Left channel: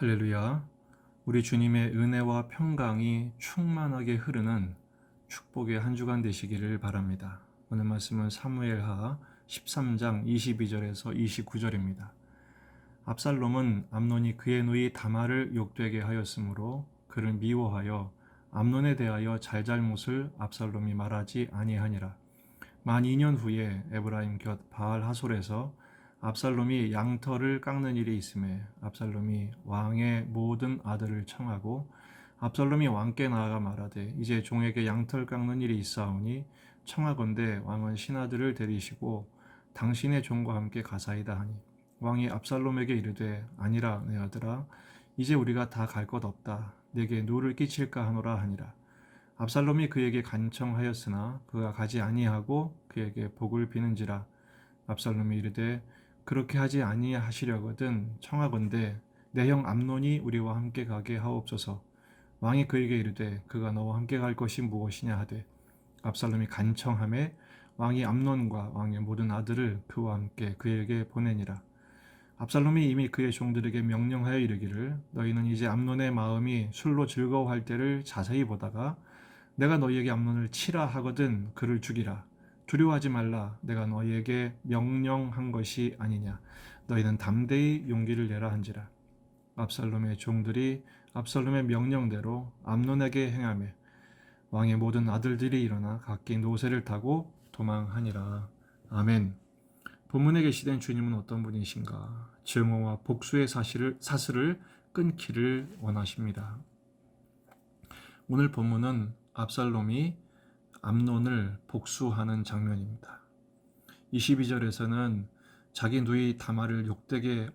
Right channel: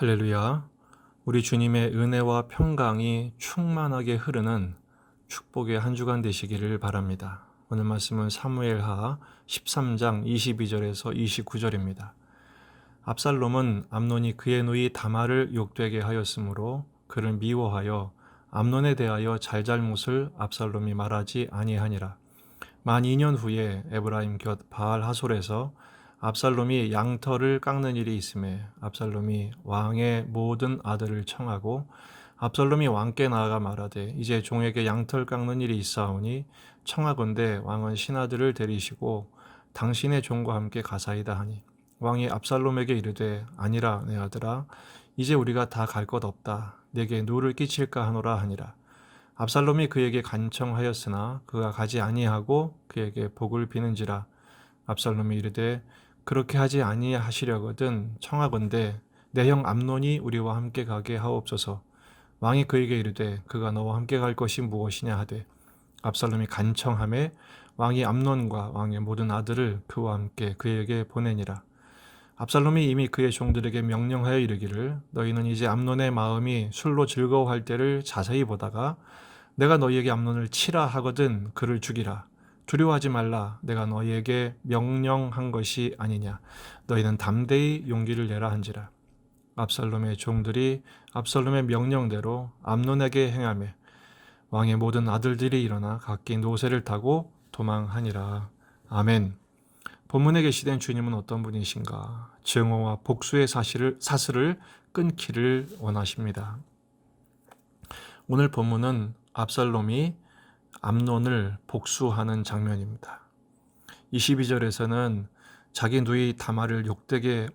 할렐루야. 우리 주님의 은혜와 평강이 충만하게 흐르는 축복의 한 주간 되시기를 바랍니다. 오늘 말씀은 사무엘하 13장 22절에서 29절입니다. 압살롬은 암논이 그의 누이 다말을 욕되게 하였으므로 그를 미워하여 암논에 대하여 잘잘못을 압살롬이 말하지 아니하니라. 만 2년 후에 에브라임 곁 바알 하솔에서 압살롬이 양털을 깎는 일이 있음에 압살롬이 왕의 모든 아들을 청하고 압살롬이 왕께 나아가 말하되 이제 종에게 양털 깎는 일이 있사오니 청하건대 왕은 신하들을 데리시고 당신의 종과 함께 가사이다 하니 왕이 압살롬에게 이르되 아니라 내 아들아 이제 우리가 다 갈 것 없다 내게 누를 끼칠까 하노라 하니라. 압살롬이 그에게 간청하였으나 그가 가지 아니하고 그에게 복을 비는지라. 압살롬이 이르되 그렇게 하지 아니하시려거든 청하건대 내 형 암논이 우리와 함께 가게 하옵소서. 왕이 그에게 이르되 그가 너와 함께 갈 것이 무엇이냐 하되 압살롬이 간청하매 왕이 암논과 왕의 모든 아들을 그와 함께 그에게 보내니라. 압살롬이 이미 그의 종들에게 명령하여 이르기를 너희는 이제 암논의 마음이 술로 즐거워할 때를 자세히 보다가 내가 너희에게 암논을 치라 하거든 그를 죽이라. 두려워하지 말라. 내가 너희에게 명령한 것이 아니냐. 너희는 담대히 용기를 내라 한지라. 압살롬의 종들이 압살롬의 명령대로 암논에게 행하며 왕의 모든 아들들이 일어나 각기 노새를 타고 도망하니라. 아멘. 본문에 계시된 주님은 어떤 분이신가? 증오와 복수의 사슬을 끊기를 원하십니다. 오늘 본문은 압살롬이 암논을 복수하는 장면입니다. 22절에서는 자기 누이 다말을 욕되게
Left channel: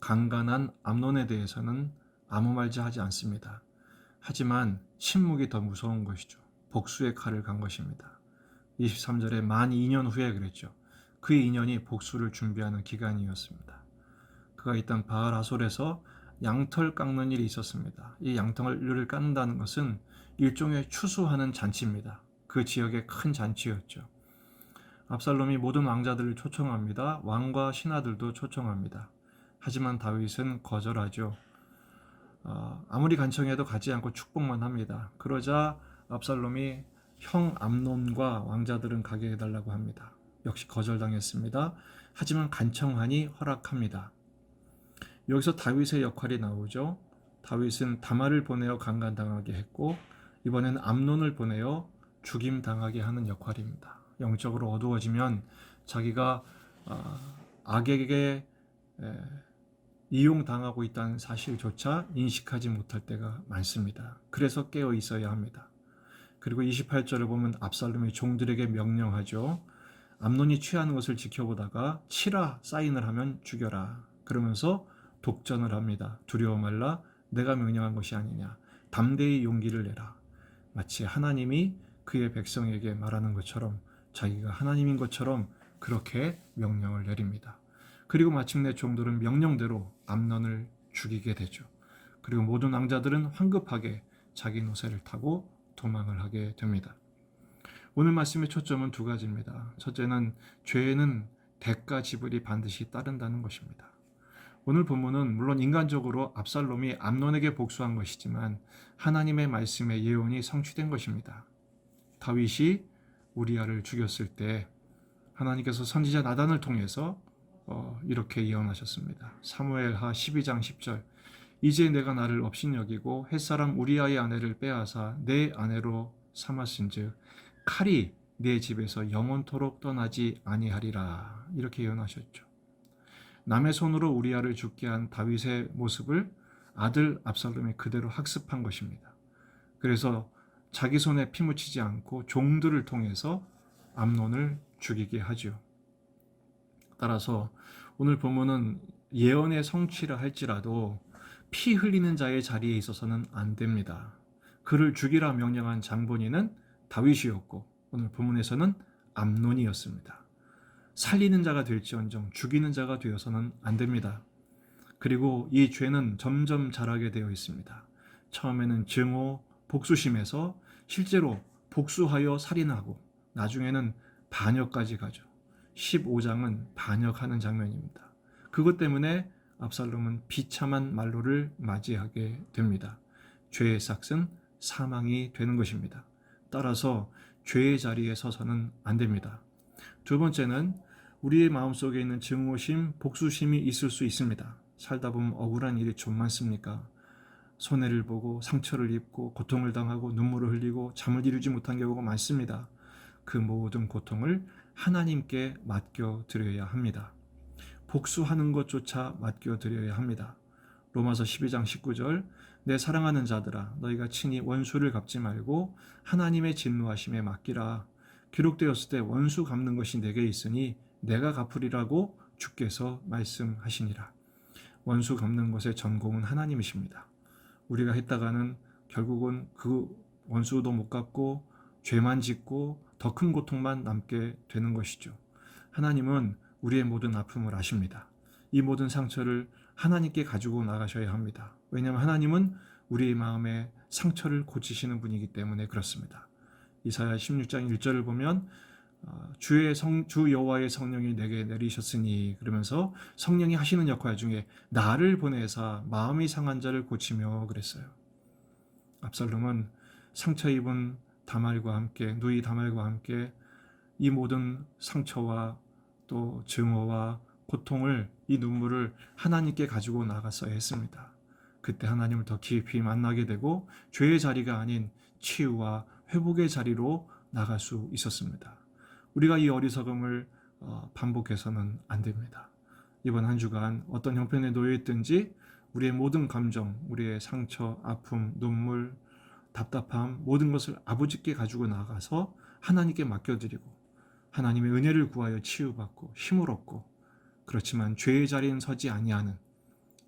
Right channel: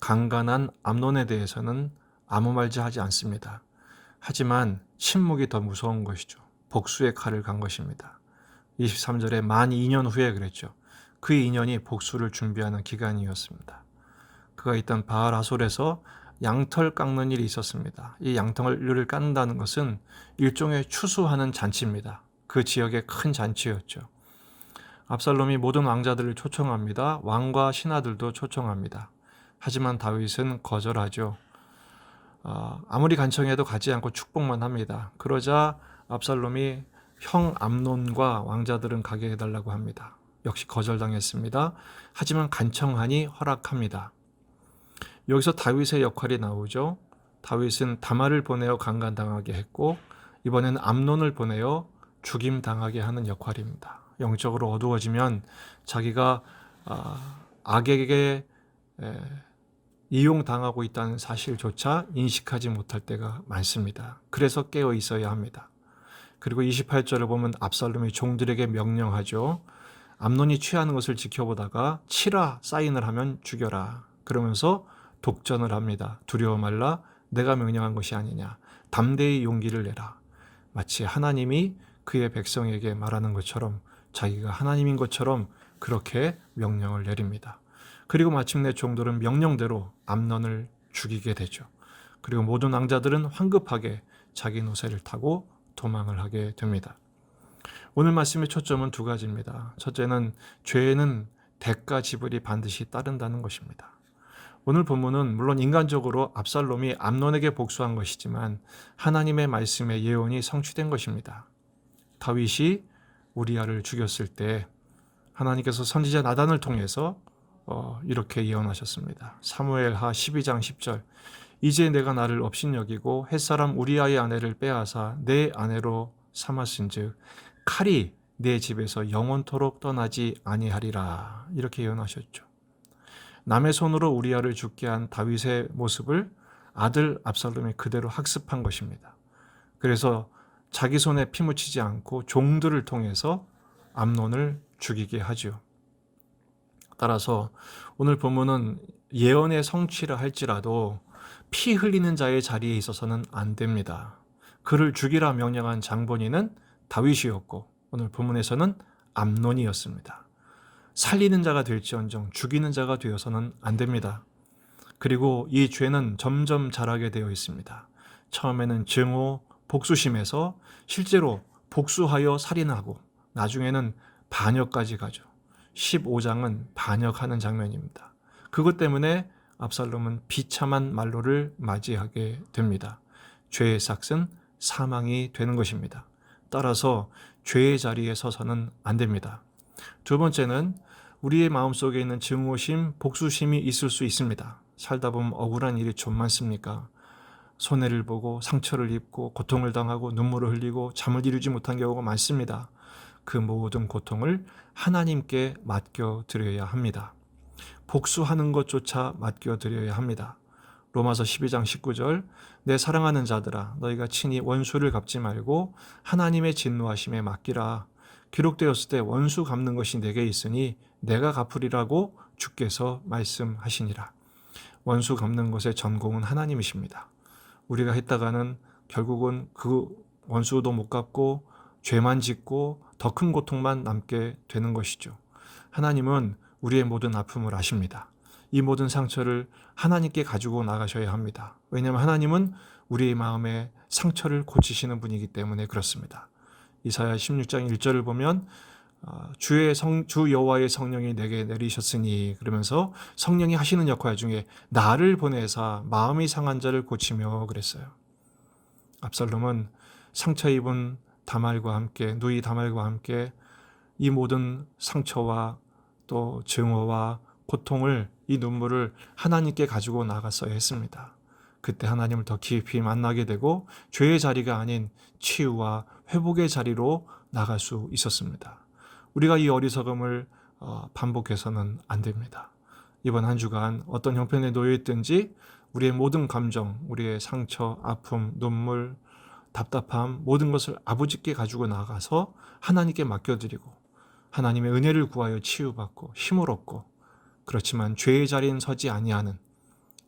강간한 암논에 대해서는 아무 말도 하지 않습니다. 하지만 침묵이 더 무서운 것이죠. 복수의 칼을 간 것입니다. 23절에 만 2년 후에 그랬죠. 그 2년이 복수를 준비하는 기간이었습니다. 그가 있던 바알 하솔에서 양털 깎는 일이 있었습니다. 이 양털을 깎는다는 것은 일종의 추수하는 잔치입니다. 그 지역의 큰 잔치였죠. 압살롬이 모든 왕자들을 초청합니다. 왕과 신하들도 초청합니다. 하지만 다윗은 거절하죠. 아무리 간청해도 가지 않고 축복만 합니다. 그러자 압살롬이 형 암논과 왕자들은 가게 해달라고 합니다. 역시 거절당했습니다. 하지만 간청하니 허락합니다. 여기서 다윗의 역할이 나오죠. 다윗은 다말을 보내어 강간당하게 했고 이번에는 암논을 보내어 죽임당하게 하는 역할입니다. 영적으로 어두워지면 자기가 악에게 이용당하고 있다는 사실조차 인식하지 못할 때가 많습니다. 그래서 깨어 있어야 합니다. 그리고 28절을 보면 압살롬이 종들에게 명령하죠. 암논이 취하는 것을 지켜보다가 치라 사인을 하면 죽여라. 그러면서 독전을 합니다. 두려워 말라 내가 명령한 것이 아니냐. 담대히 용기를 내라. 마치 하나님이 그의 백성에게 말하는 것처럼 자기가 하나님인 것처럼 그렇게 명령을 내립니다. 그리고 마침내 종들은 명령대로 암논을 죽이게 되죠. 그리고 모든 왕자들은 황급하게 자기 노새를 타고 도망을 하게 됩니다. 오늘 말씀의 초점은 두 가지입니다. 첫째는 죄는 대가 지불이 반드시 따른다는 것입니다. 오늘 본문은 물론 인간적으로 압살롬이 암논에게 복수한 것이지만 하나님의 말씀의 예언이 성취된 것입니다. 다윗이 우리아를 죽였을 때 하나님께서 선지자 나단을 통해서 이렇게 예언하셨습니다. 사무엘하 12장 10절 이제 내가 나를 업신여기고 햇사람 우리아의 아내를 빼앗아 내 아내로 삼았은즉 칼이 내 집에서 영원토록 떠나지 아니하리라 이렇게 예언하셨죠. 남의 손으로 우리아를 죽게 한 다윗의 모습을 아들 압살롬이 그대로 학습한 것입니다. 그래서 자기 손에 피 묻히지 않고 종들을 통해서 암논을 죽이게 하죠. 따라서 오늘 본문은 예언의 성취라 할지라도 피 흘리는 자의 자리에 있어서는 안 됩니다. 그를 죽이라 명령한 장본인은 다윗이었고 오늘 본문에서는 암논이었습니다. 살리는 자가 될지언정 죽이는 자가 되어서는 안 됩니다. 그리고 이 죄는 점점 자라게 되어 있습니다. 처음에는 증오, 복수심에서 실제로 복수하여 살인하고 나중에는 반역까지 가죠. 15장은 반역하는 장면입니다. 그것 때문에 압살롬은 비참한 말로를 맞이하게 됩니다. 죄의 삭은 사망이 되는 것입니다. 따라서 죄의 자리에 서서는 안 됩니다. 두 번째는 우리의 마음속에 있는 증오심, 복수심이 있을 수 있습니다. 살다 보면 억울한 일이 좀 많습니까? 손해를 보고 상처를 입고 고통을 당하고 눈물을 흘리고 잠을 이루지 못한 경우가 많습니다. 그 모든 고통을 하나님께 맡겨드려야 합니다. 복수하는 것조차 맡겨드려야 합니다. 로마서 12장 19절 내 사랑하는 자들아 너희가 친히 원수를 갚지 말고 하나님의 진노하심에 맡기라. 기록되었을 때 원수 갚는 것이 내게 있으니 내가 갚으리라고 주께서 말씀하시니라. 원수 갚는 것의 전공은 하나님이십니다. 우리가 했다가는 결국은 그 원수도 못 갚고 죄만 짓고 더 큰 고통만 남게 되는 것이죠. 하나님은 우리의 모든 아픔을 아십니다. 이 모든 상처를 하나님께 가지고 나가셔야 합니다. 왜냐하면 하나님은 우리의 마음의 상처를 고치시는 분이기 때문에 그렇습니다. 이사야 16장 1절을 보면 주 여호와의 성령이 내게 내리셨으니 그러면서 성령이 하시는 역할 중에 나를 보내사 마음이 상한 자를 고치며 그랬어요. 압살롬은 상처 입은 다말과 함께 누이 다말과 함께 이 모든 상처와 또 증오와 고통을 이 눈물을 하나님께 가지고 나갔어야 했습니다. 그때 하나님을 더 깊이 만나게 되고 죄의 자리가 아닌 치유와 회복의 자리로 나갈 수 있었습니다. 우리가 이 어리석음을 반복해서는 안 됩니다. 이번 한 주간 어떤 형편에 놓여 있든지 우리의 모든 감정, 우리의 상처, 아픔, 눈물, 답답함 모든 것을 아버지께 가지고 나가서 하나님께 맡겨드리고 하나님의 은혜를 구하여 치유받고 힘을 얻고 그렇지만 죄의 자리엔 서지 아니하는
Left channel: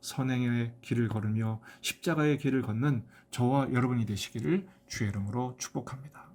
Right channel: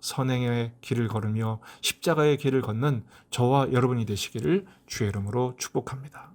선행의 길을 걸으며 십자가의 길을 걷는 저와 여러분이 되시기를 주의 이름으로 축복합니다.